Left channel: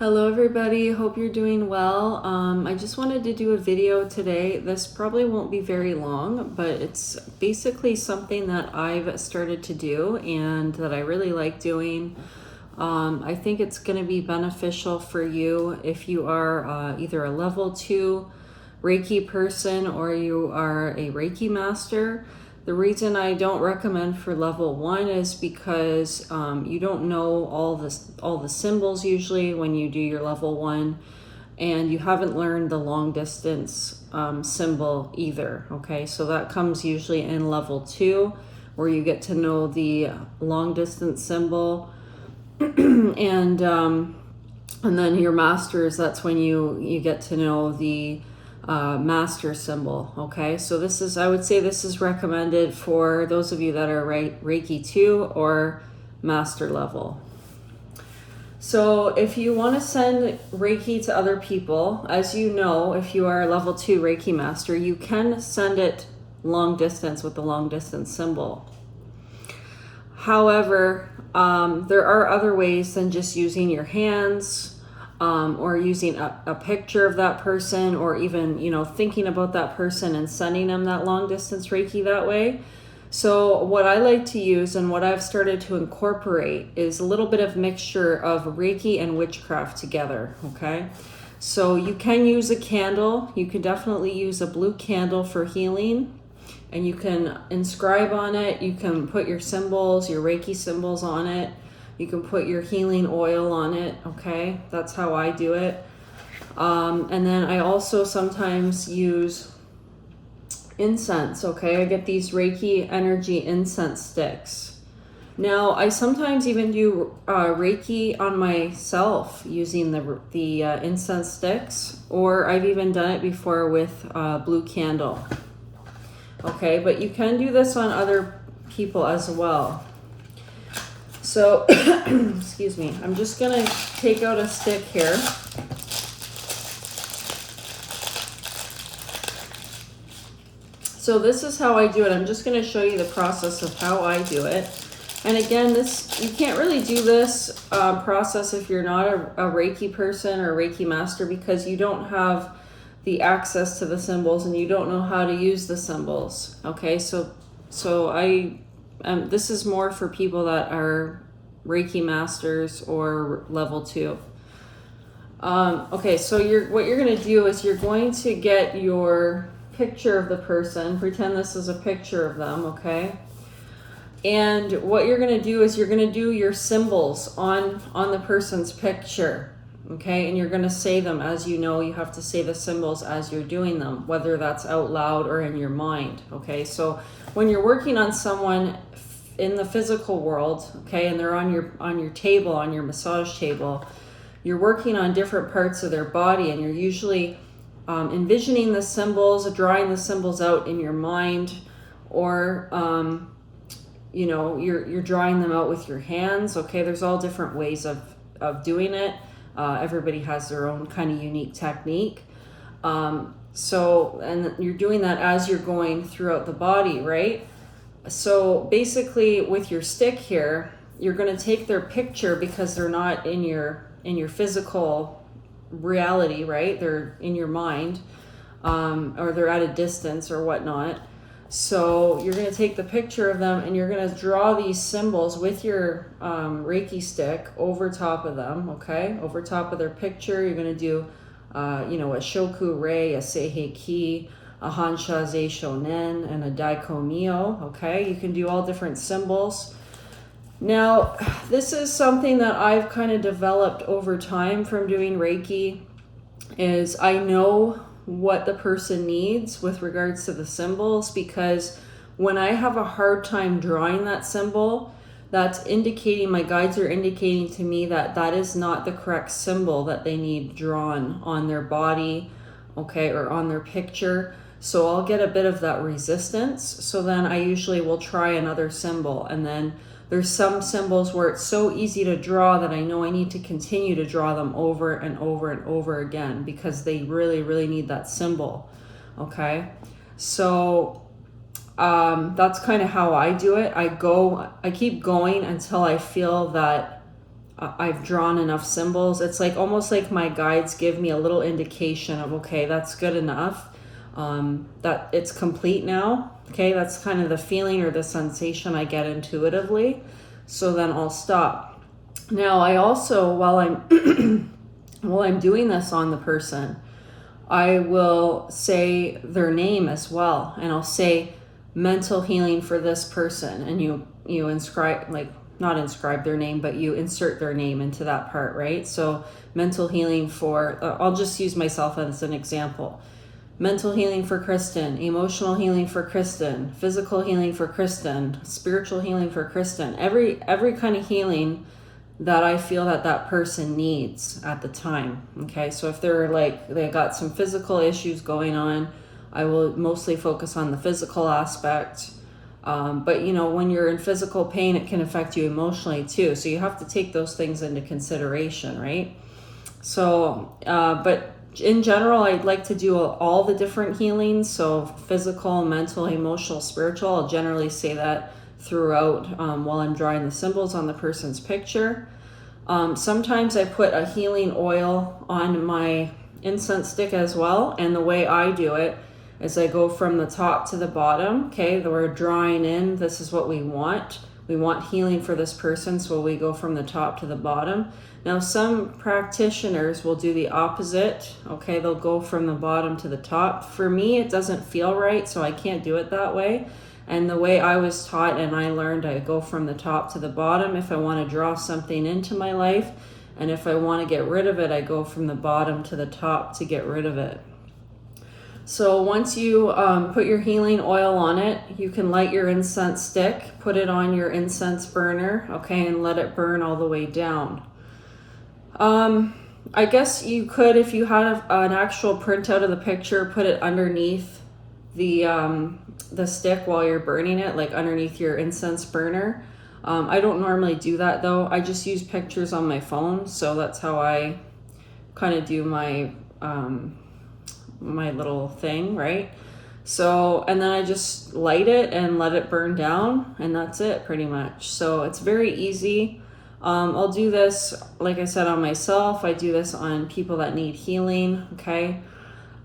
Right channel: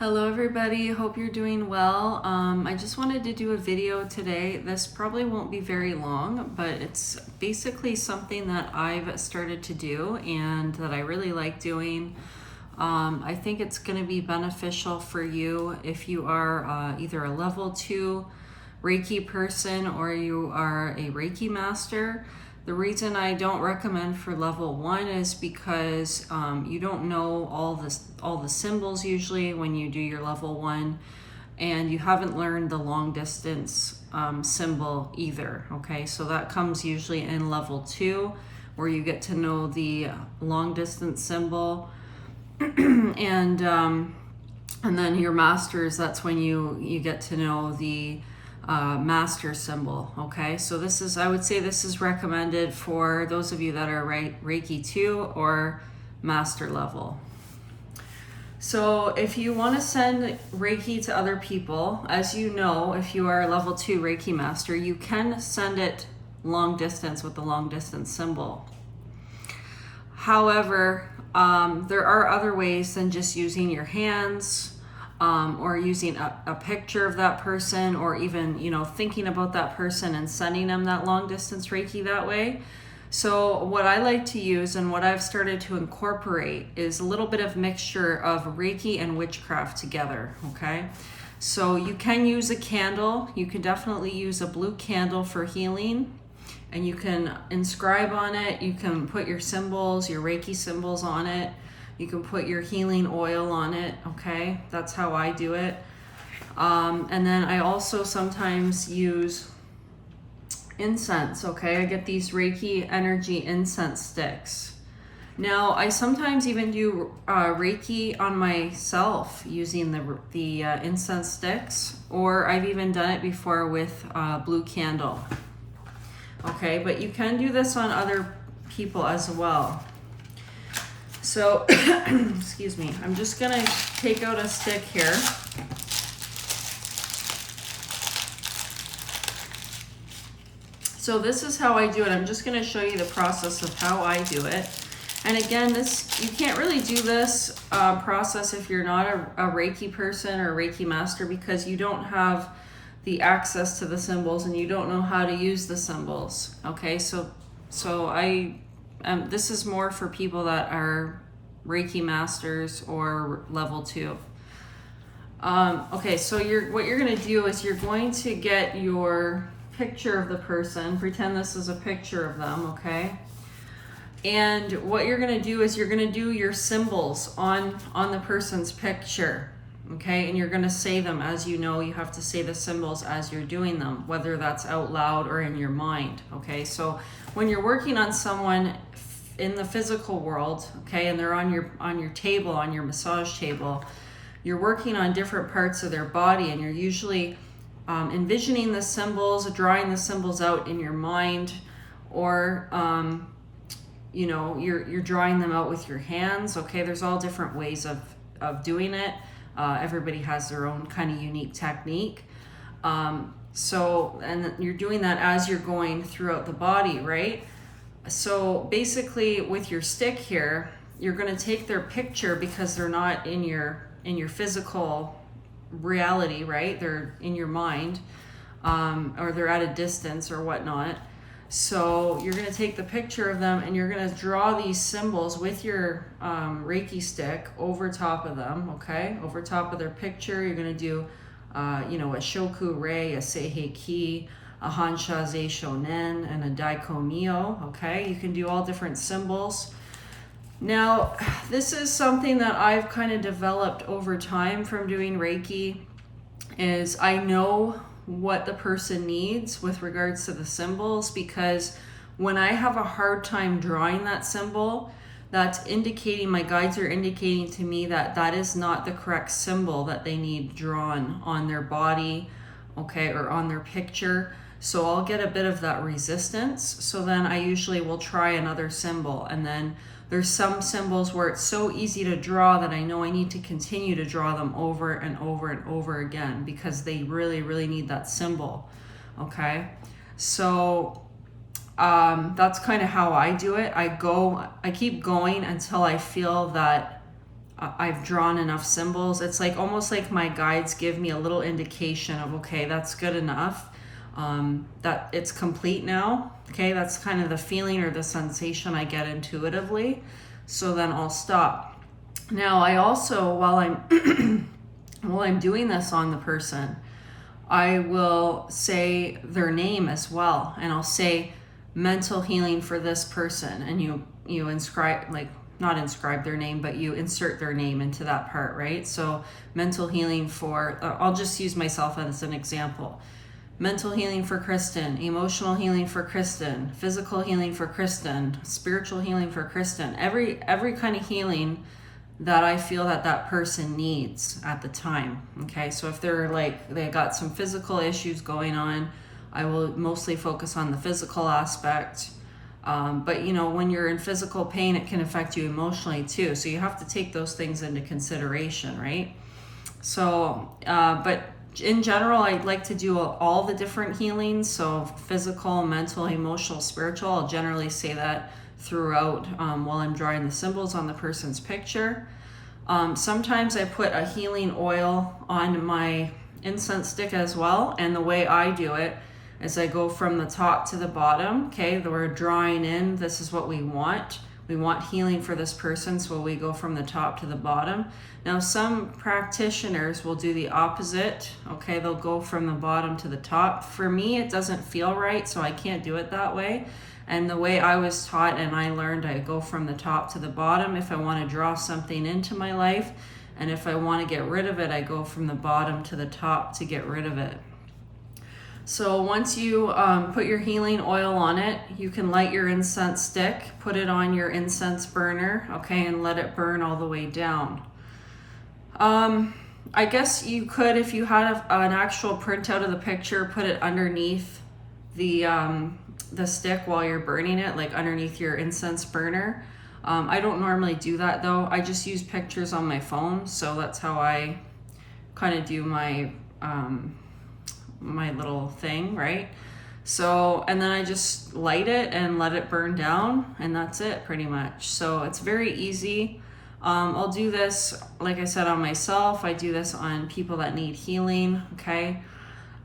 Hello everybody, hope you're doing well. I just wanted to do a video today. This probably won't be very long, but it's basically something that I've started to do and that I really like doing. I think it's going to be beneficial for you if you are either a level 2 Reiki person or you are a Reiki master. The reason I don't recommend for level 1 is because you don't know all the symbols usually when you do your level 1, and you haven't learned the long distance symbol either. Okay, so that comes usually in level 2, where you get to know the long distance symbol, and then your masters. That's when you get to know the master symbol. Okay, so I would say this is recommended for those of you that are Reiki 2 or master level. So if you want to send Reiki to other people, as you know, if you are a level 2 Reiki master, you can send it long distance with the long distance symbol. However, there are other ways than just using your hands, or using a picture of that person, or even, thinking about that person and sending them that long distance Reiki that way. So what I like to use and what I've started to incorporate is a little bit of mixture of Reiki and witchcraft together, okay? So you can use a candle. You can definitely use a blue candle for healing, and you can inscribe on it. You can put your symbols, your Reiki symbols on it. You can put your healing oil on it, okay? That's how I do it. And then I also sometimes use incense, okay? I get these Reiki energy incense sticks. Now, I sometimes even do Reiki on myself using the incense sticks, or I've even done it before with blue candle. Okay, but you can do this on other people as well. So, excuse me, I'm just going to take out a stick here. So this is how I do it. I'm just going to show you the process of how I do it. And again, you can't really do this process if you're not a Reiki person or Reiki master, because you don't have the access to the symbols and you don't know how to use the symbols. Okay, so this is more for people that are Reiki masters or level 2. Okay, so what you're going to do is you're going to get your picture of the person. Pretend this is a picture of them, okay? And what you're going to do is you're going to do your symbols on the person's picture, okay? And you're going to say them as you know. You have to say the symbols as you're doing them, whether that's out loud or in your mind, okay? So when you're working on someone in the physical world, okay, and they're on your table, on your massage table, you're working on different parts of their body, and you're usually envisioning the symbols, drawing the symbols out in your mind, or you're drawing them out with your hands. Okay, there's all different ways of doing it. Everybody has their own kind of unique technique. And you're doing that as you're going throughout the body, right? So basically with your stick here, you're going to take their picture, because they're not in your physical reality, right? They're in your mind, or they're at a distance or whatnot. So you're going to take the picture of them and you're going to draw these symbols with your Reiki stick over top of them, okay? Over top of their picture, you're going to do a Shoku Rei, a Seihei Ki, a Hansha Zei Shonen, and a Daiko Mio, okay? You can do all different symbols. Now, this is something that I've kind of developed over time from doing Reiki, is I know what the person needs with regards to the symbols, because when I have a hard time drawing that symbol, that's indicating, my guides are indicating to me that is not the correct symbol that they need drawn on their body, okay, or on their picture. So I'll get a bit of that resistance. So then I usually will try another symbol, and then there's some symbols where it's so easy to draw that I know I need to continue to draw them over and over and over again, because they really, really need that symbol, okay? So that's kind of how I do it. I keep going until I feel that I've drawn enough symbols. It's like almost like my guides give me a little indication of, okay, that's good enough. That it's complete now. Okay, that's kind of the feeling or the sensation I get intuitively. So then I'll stop. Now I also, while I'm while I'm doing this on the person, I will say their name as well, and I'll say mental healing for this person, and you inscribe, like, not inscribe their name, but you insert their name into that part, right? So mental healing for, I'll just use myself as an example. Mental healing for Kristen, emotional healing for Kristen, physical healing for Kristen, spiritual healing for Kristen. Every kind of healing that I feel that person needs at the time. Okay, so if they're like, they got some physical issues going on, I will mostly focus on the physical aspect. But you know, when you're in physical pain, it can affect you emotionally too. So you have to take those things into consideration, right? So, but in general, I'd like to do all the different healings. So physical, mental, emotional, spiritual. I'll generally say that throughout while I'm drawing the symbols on the person's picture. Sometimes I put a healing oil on my incense stick as well. And the way I do it is I go from the top to the bottom. Okay, we're drawing in. This is what we want. We want healing for this person, so we go from the top to the bottom. Now, some practitioners will do the opposite. Okay, they'll go from the bottom to the top. For me, it doesn't feel right, so I can't do it that way. And the way I was taught and I learned, I go from the top to the bottom if I want to draw something into my life. And if I want to get rid of it, I go from the bottom to the top to get rid of it. So once you put your healing oil on it, you can light your incense stick, put it on your incense burner, okay, and let it burn all the way down. I guess you could, if you had an actual printout of the picture, put it underneath the stick while you're burning it, like underneath your incense burner. I don't normally do that though. I just use pictures on my phone, so that's how I kind of do my my little thing, right? So, and then I just light it and let it burn down, and that's it pretty much. So it's very easy. I'll do this, like I said, on myself. I do this on people that need healing, okay?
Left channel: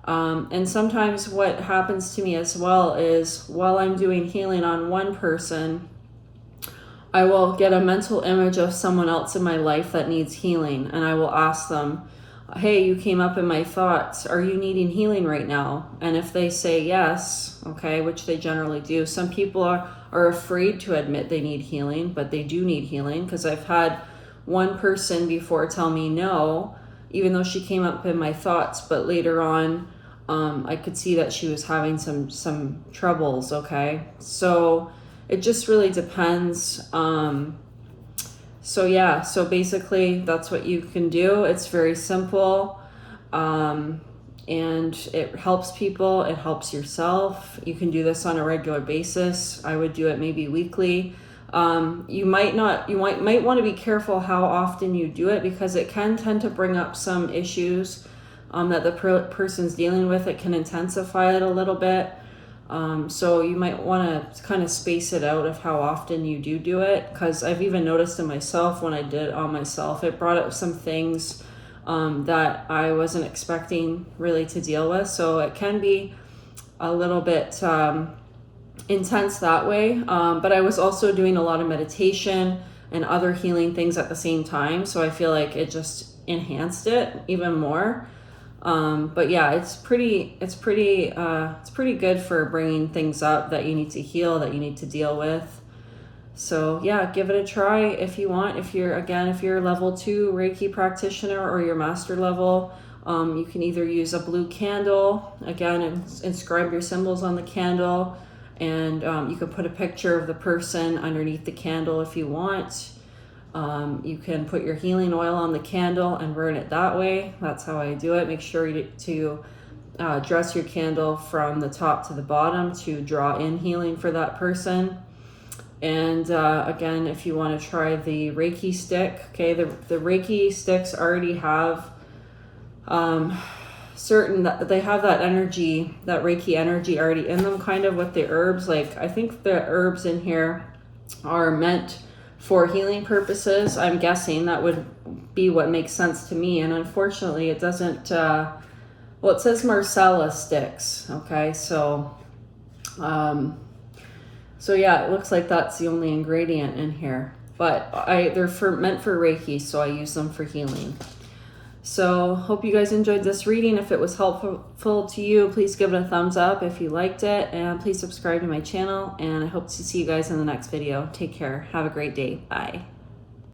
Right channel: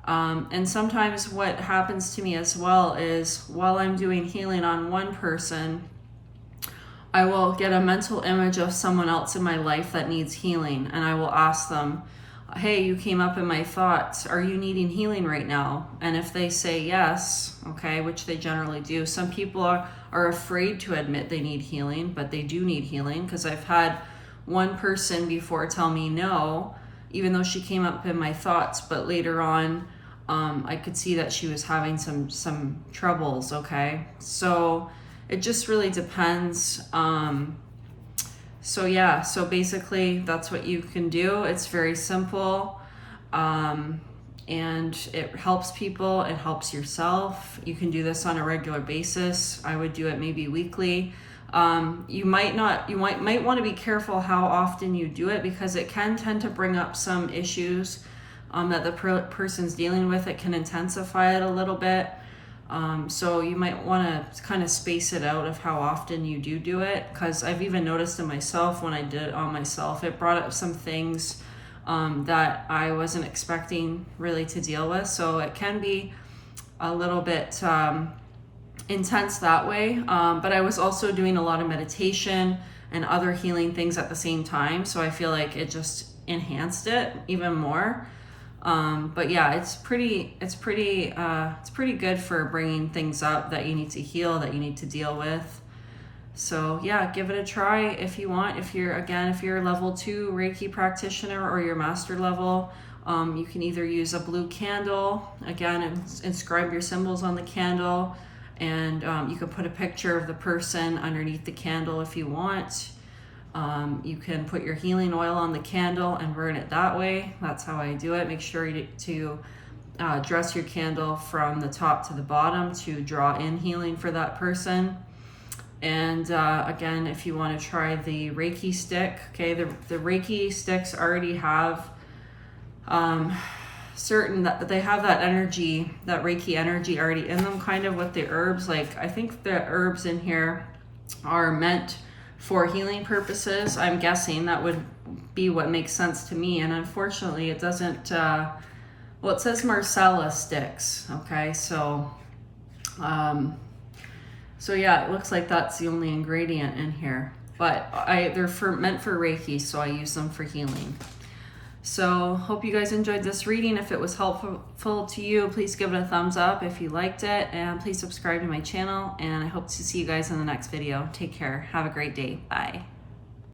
And sometimes what happens to me as well is while I'm doing healing on one person, I will get a mental image of someone else in my life that needs healing, and I will ask them, hey, you came up in my thoughts. Are you needing healing right now? And if they say yes, okay, which they generally do. Some people are afraid to admit they need healing, but they do need healing, because I've had one person before tell me no, even though she came up in my thoughts, but later on, I could see that she was having some troubles, okay? So it just really depends. So yeah, so basically that's what you can do. It's very simple, and it helps people, it helps yourself. You can do this on a regular basis. I would do it maybe weekly. You might want to be careful how often you do it, because it can tend to bring up some issues that the person's dealing with. It can intensify it a little bit. So you might want to kind of space it out of how often you do it, because I've even noticed in myself, when I did it on myself, it brought up some things that I wasn't expecting really to deal with. So it can be a little bit intense that way. But I was also doing a lot of meditation and other healing things at the same time. So I feel like it just enhanced it even more. But yeah, it's pretty good for bringing things up that you need to heal, that you need to deal with. So yeah, give it a try if you want. If you're level 2 Reiki practitioner or your master level, you can either use a blue candle, again, and inscribe your symbols on the candle, and you can put a picture of the person underneath the candle if you want. You can put your healing oil on the candle and burn it that way. That's how I do it. Make sure to dress your candle from the top to the bottom to draw in healing for that person. And again, if you want to try the Reiki stick, okay, the Reiki sticks already have they have that energy, that Reiki energy already in them, kind of with the herbs. Like, I think the herbs in here are meant for healing purposes. I'm guessing that would be what makes sense to me. And unfortunately, it doesn't, well, it says Marcella sticks. Okay, so yeah, it looks like that's the only ingredient in here. But they're meant for Reiki, so I use them for healing. So hope you guys enjoyed this reading. If it was helpful to you, please give it a thumbs up if you liked it, and please subscribe to my channel, and I hope to see you guys in the next video. Take care. Have a great day. Bye.